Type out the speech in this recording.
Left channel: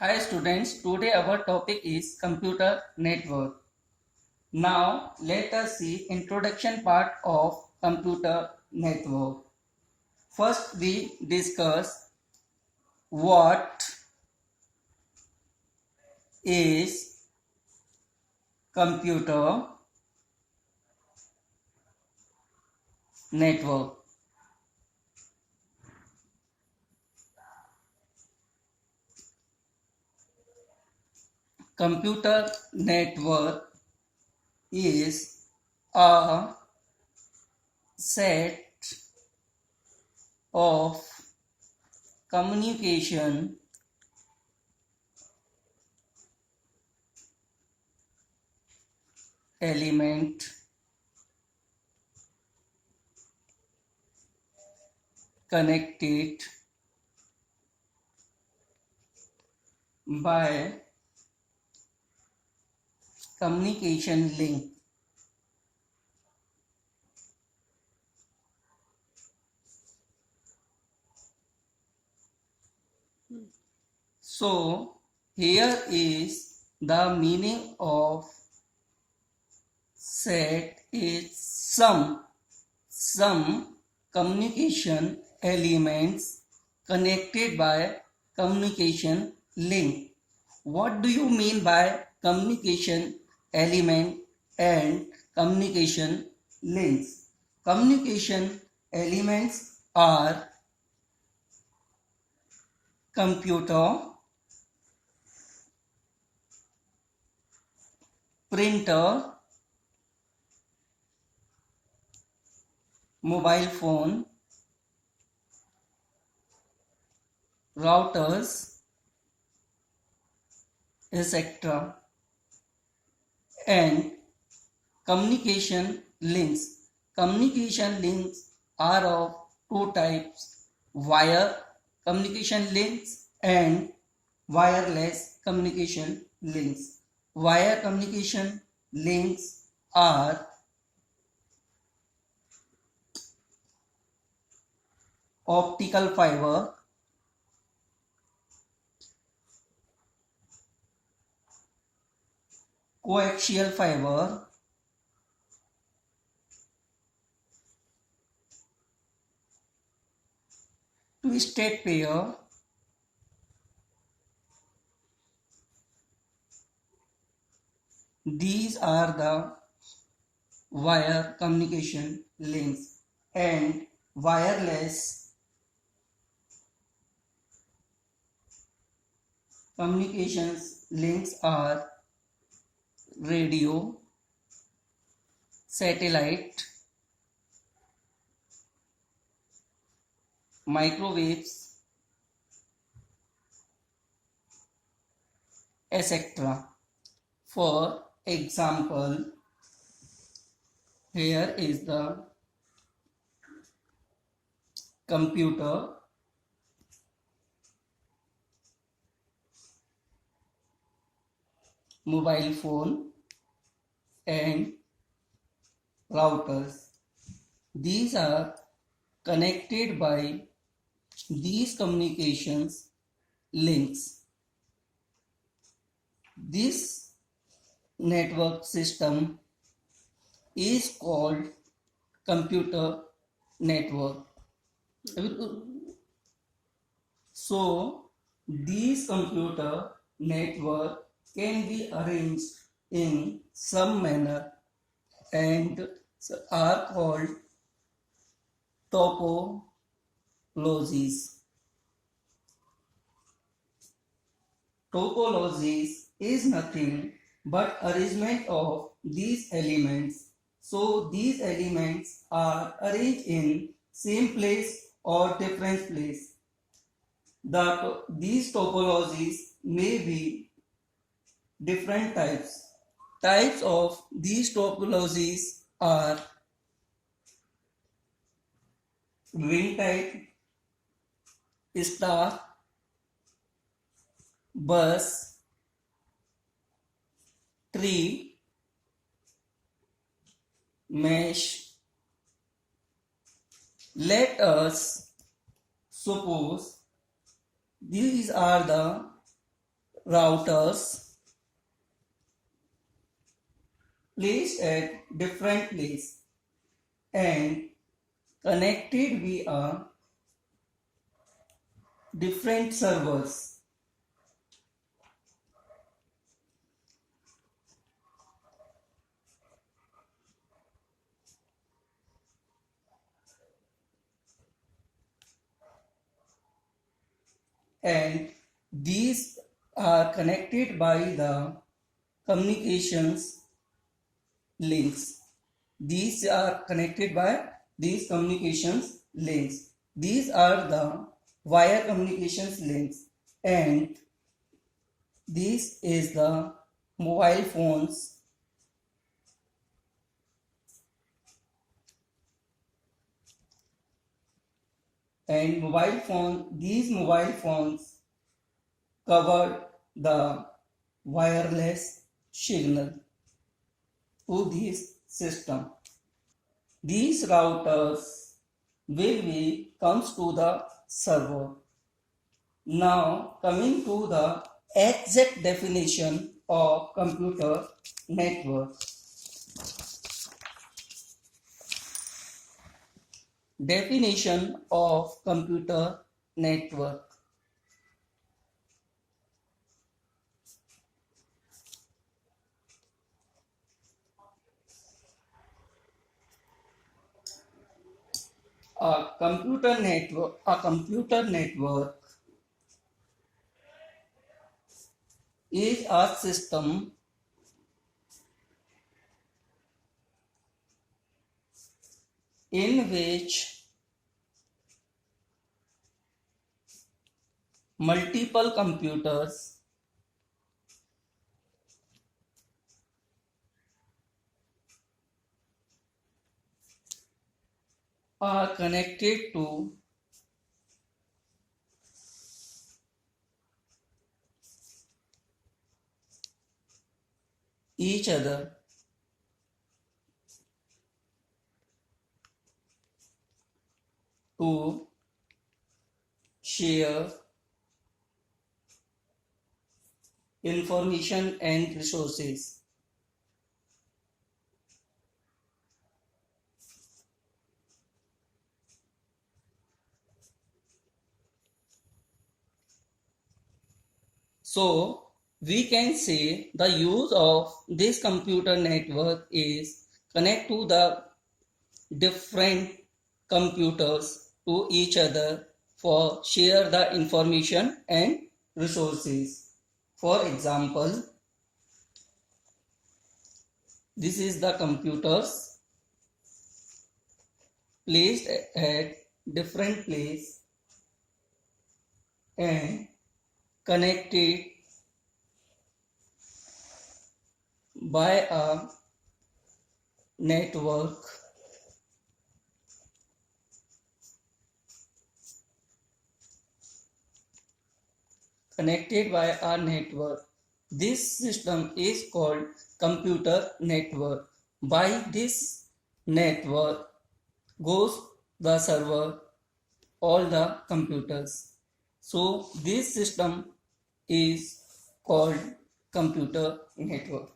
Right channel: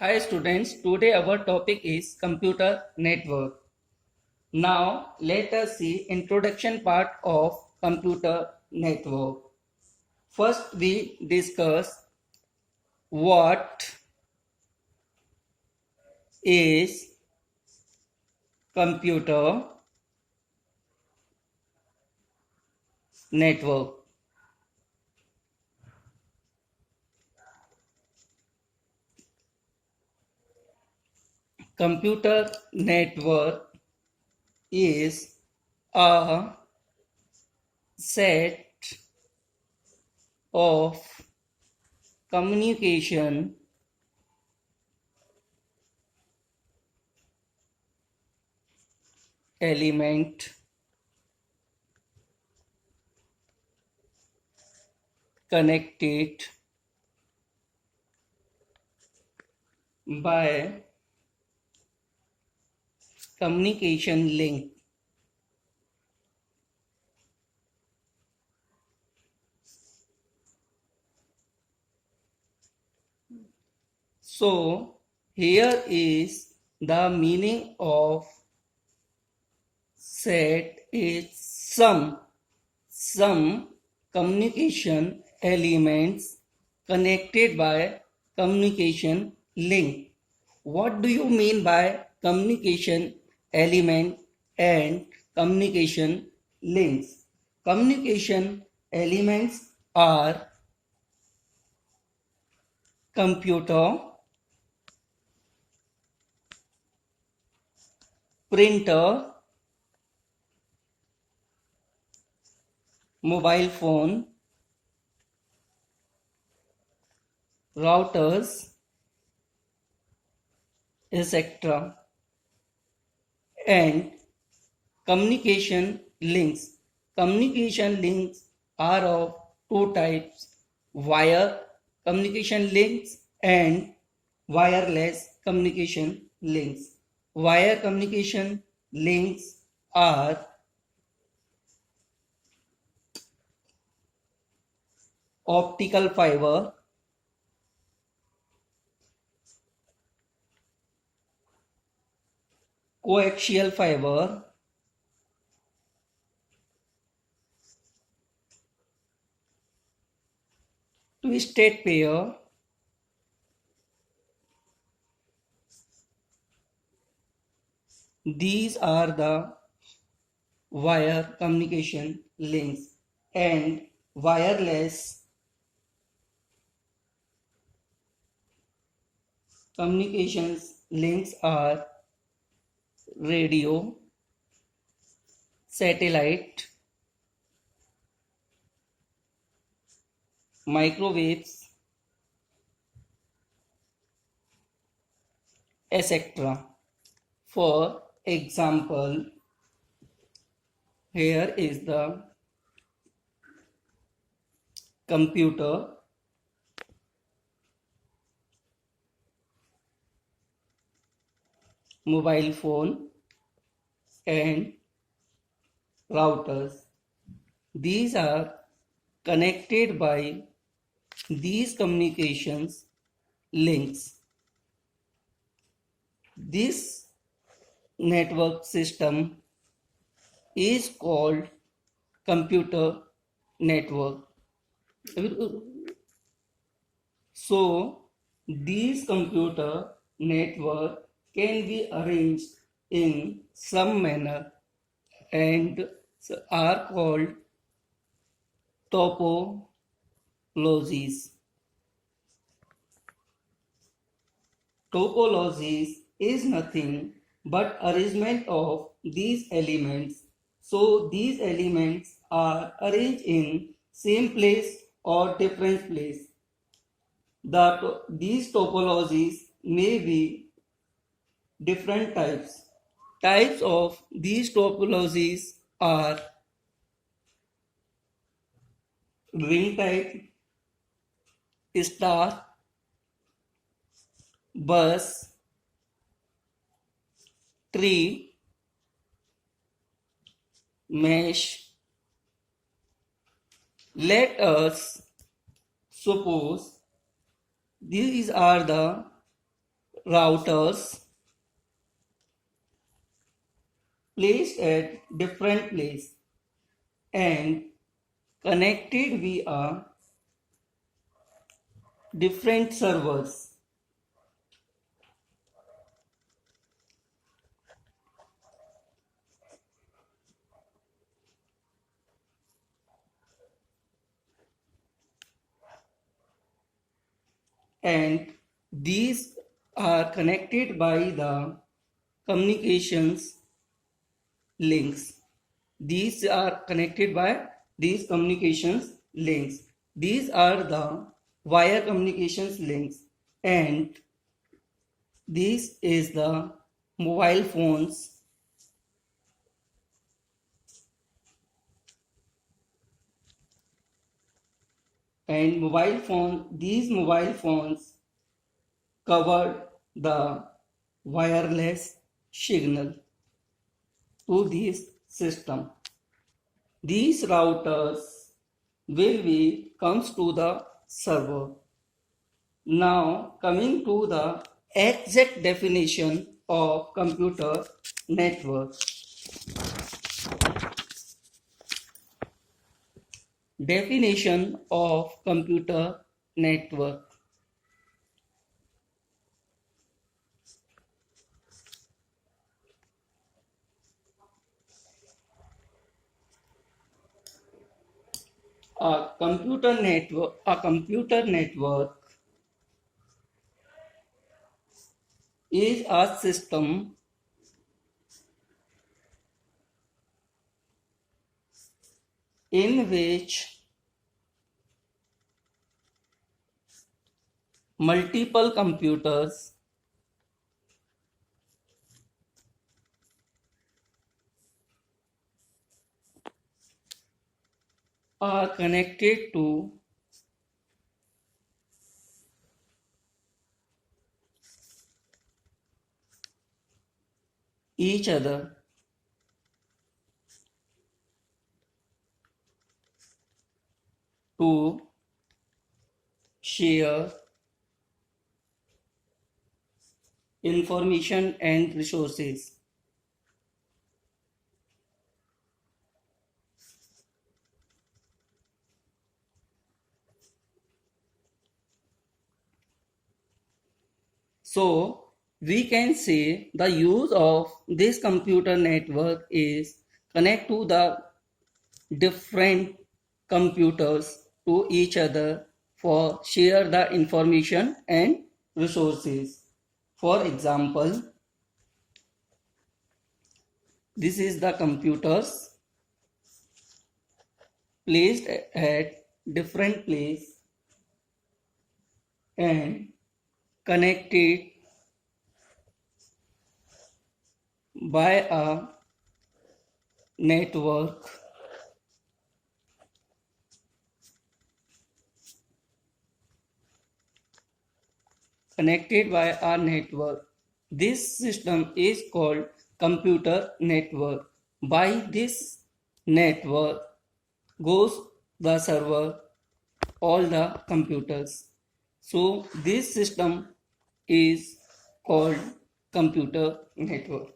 Hi students, today our topic is computer network. Now let us see introduction part of computer network. First we discuss what is computer network. Computer network is a set of communication element connected by communication link. So here is the meaning of set is some communication elements connected by communication link. What do you mean by communication element and communication links? Communication elements are computer, printer, mobile phone, routers, etc. and communication links. Communication links are of two types: wire communication links and wireless communication links. Wire communication links are optical fiber, coaxial fiber, twisted pair, these are the wire communication links, and wireless communications links are radio, satellite, microwaves, etc. For example, here is the computer, mobile phone, and routers. These are connected by these communications links. This network system is called computer network. So these computer network can be arranged in some manner and are called topologies. Topologies is nothing but arrangement of these elements. So these elements are arranged in same place or different place. These topologies may be different types. Types of these topologies are ring type, star, bus, tree, mesh. Let us suppose these are the routers placed at different place and connected via different servers. And these are connected by the communications links. These are connected by these communications links. These are the wire communications links, and this is the mobile phones, and these mobile phones cover the wireless signal to this system. These routers will be comes to the server. Now coming to the exact definition of computer network. Definition of computer network. A computer network is a system in which multiple computers are connected to each other to share information and resources. So we can say the use of this computer network is connect to the different computers to each other for share the information and resources. For example, this is the computers placed at different place and connected by a network connected by a network. This system is called computer network. By this network goes the server, all the computers. So this system is called computer network.